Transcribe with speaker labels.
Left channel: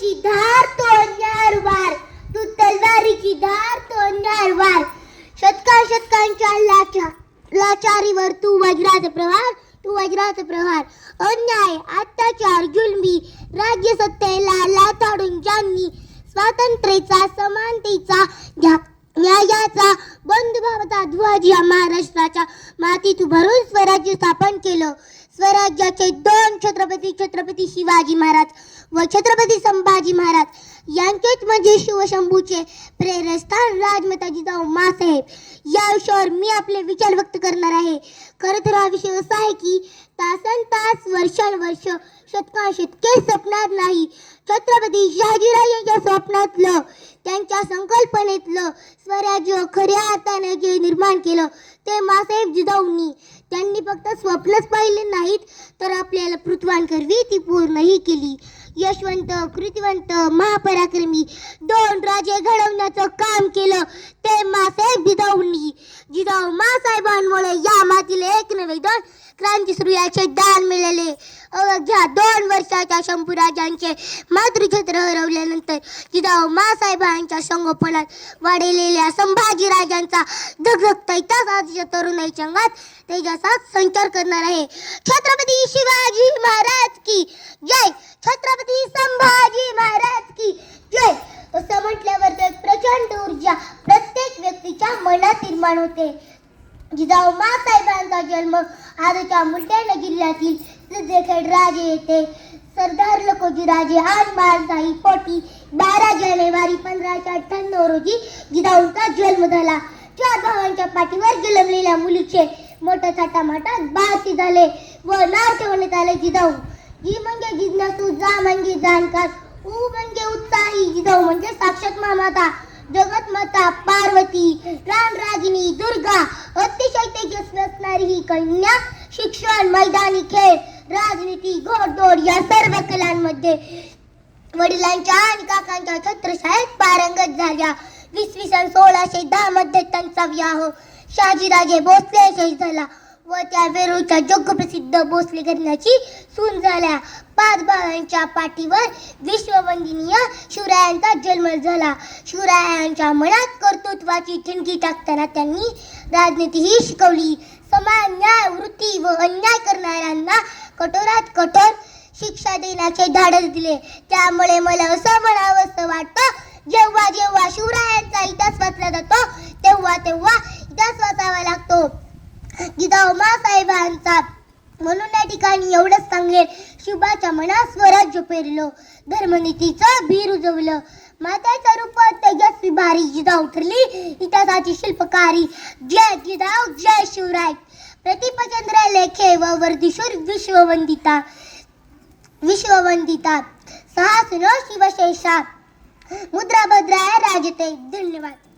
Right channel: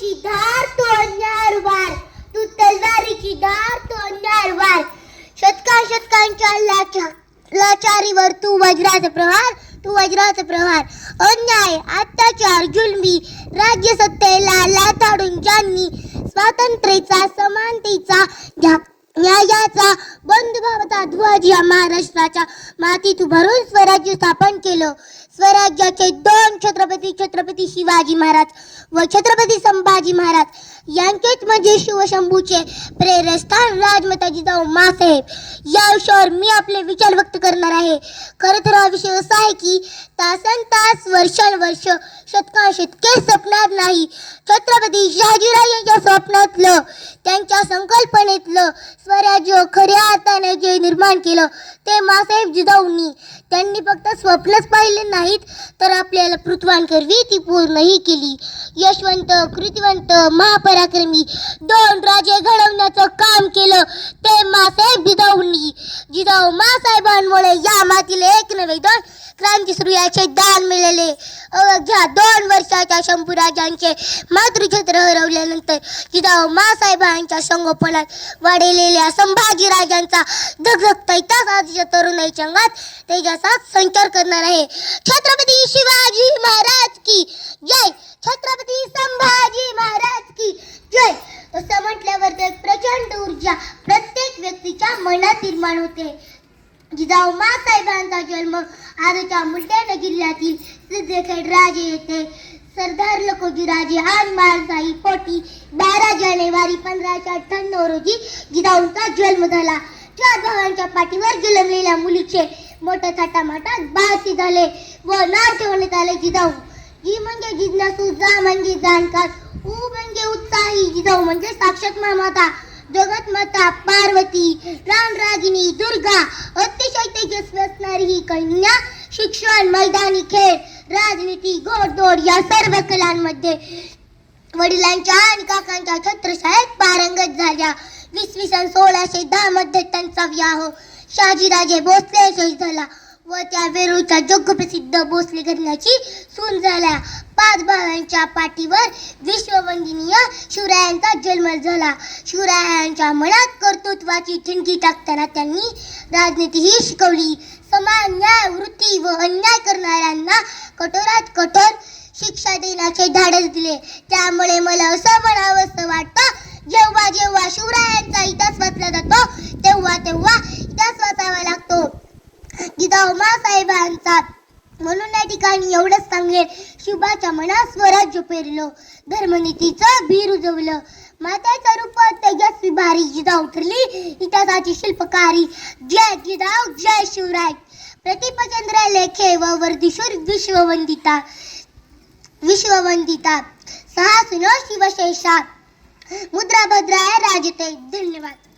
Speaker 1: तलवारीची धार तोडणार वार. तू तलवारीची धार तोडणार वार. शतका शतकांच्या लाचा लाचारीवर तू वज्राचा प्रहार तू वज्राचा प्रहार. अन्याय अत्याचार जुलमी राज्य सत्तेला लाथाडून ज्यांनी स्वातंत्र्याचा समानतेचा न्यायाचा बंधुभावाचा ध्वज या महाराष्ट्राच्या मातीत उभारून स्वराज्य स्थापन केलं. स्वराज्याचे दोन छत्रपती छत्रपती शिवाजी महाराज. व छत्रपती संभाजी महाराज यांचेच म्हणजे शिवशंभूचे प्रेरस्थान राजमाता जिजाऊ मासाहेब. या विषयावर मी आपले विचार व्यक्त करणार आहे. खरं तर हा विषय असा आहे की तासन तास वर्षानुवर्ष शतका शतके नाही. छत्रपती शहाजीराव यांच्या स्वप्नातलं त्यांच्या संकल्पनेतलं स्वराज्य खऱ्या हाताने जे निर्माण केलं ते मासाहेब जिजाऊंनी त्यांनी फक्त स्वप्नच पाहिले नाहीत तर आपल्याला पृथ्वांकरवी ती पूर्णही केली. यशवंत कृतिवंत महापराक्रमी दोन राजे घडवण्याचं काम केलं ते मासे जिजाऊंनी. जिजाऊ मासाहेबांमुळे या मातीला एक नव्हे दोन क्रांती सूर्याचे दान मिळाले. अवघ्या दोन वर्ष वर्षाच्या शंभूराजांचे मातृक्षेत्र हरवल्यानंतर जिजाऊ मासाहेबांच्या संगोपनात वाढलेल्या संभाजीराजांचा धगधगता इतिहास आजच्या तरुणाईच्या अंगात तेजासात संचार करणार आहे. छत्रपती शिवाजी महाराज की जय! छत्रपती संभाजी महाराज की जय! असं म्हटल्यावर तर प्रचंड ऊर्जा प्रत्येक व्यक्तीच्या मनात निर्माण होते. जिजाऊ मासाहेबांचा जन्म आजच्या बुलढाणा जिल्ह्यातील सिद्धखेड राजे येथे सरदार लकोजी राजे आज मारसाई पोटी बारा जानेवारी पंधराशे अठ्ठ्याण्णव रोजी जिजाऊंचा जन्म झाला. चार भावांच्या पाठीवर जुलमलेल्या मुलीचे मोठ्या थाटामाटात बाळती झाले व नाव ठेवण्यात आले जिजाऊ. जी म्हणजे जिज्ञासू जा म्हणजे जाणकार उ म्हणजे उत्साही. जिजाऊ म्हणजे साक्षात मामाता जगतमाता पार्वती राणरागिनी दुर्गा. अतिशय तेजस्वी असणारी ही कन्या शिक्षण मैदानी खेळ राजनीती घोडदौड या सर्व कलांमध्ये वडिलांच्या आणि काकांच्या छत्रशाळेत पारंगत झाल्या. इसवी सन सोळाशे दहा मध्ये त्यांचा विवाह शहाजीराजे भोसले यशस्वी झाला व त्या वेरूळच्या जगप्रसिद्ध भोसले घराण्याची सून झाल्या. पाच भावांच्या पाठीवर विश्ववंदनीय शिवरायांचा जन्म झाला. शिवरायांच्या मनात कर्तृत्वाची ठिणगी टाकताना त्यांनी राजनीती ही शिकवली. समान न्याय वृत्ती व अन्याय करणाऱ्यांना कठोरात कठोर शिक्षा देण्याचे धाडस दिले. त्यामुळे मला असं म्हणावंसं वाटतं जेव्हा जेव्हा शिवरायांचा इतिहास वाचला जातो तेव्हा तेव्हा इतिहास वाचावा लागतो. जिजाऊ मासाहेबांचा म्हणून या ठिकाणी एवढंच सांगेल शिवबाच्या मनात स्वराज्य पेरलं धर्मनीतीचं बी रुजवलं मात्याच्या रूपात तेजस भारी जिजाऊ उतरली इतिहासाची शिल्पकारी. जय जिजाऊ जय शिवराय. प्रतिपचंद्र लेखे व वर्धिशूर विश्ववंदिता. विश्ववंदिता. सहा सुनो शिवशेषा. मुद्रा भद्राय राजते. धन्यवाद.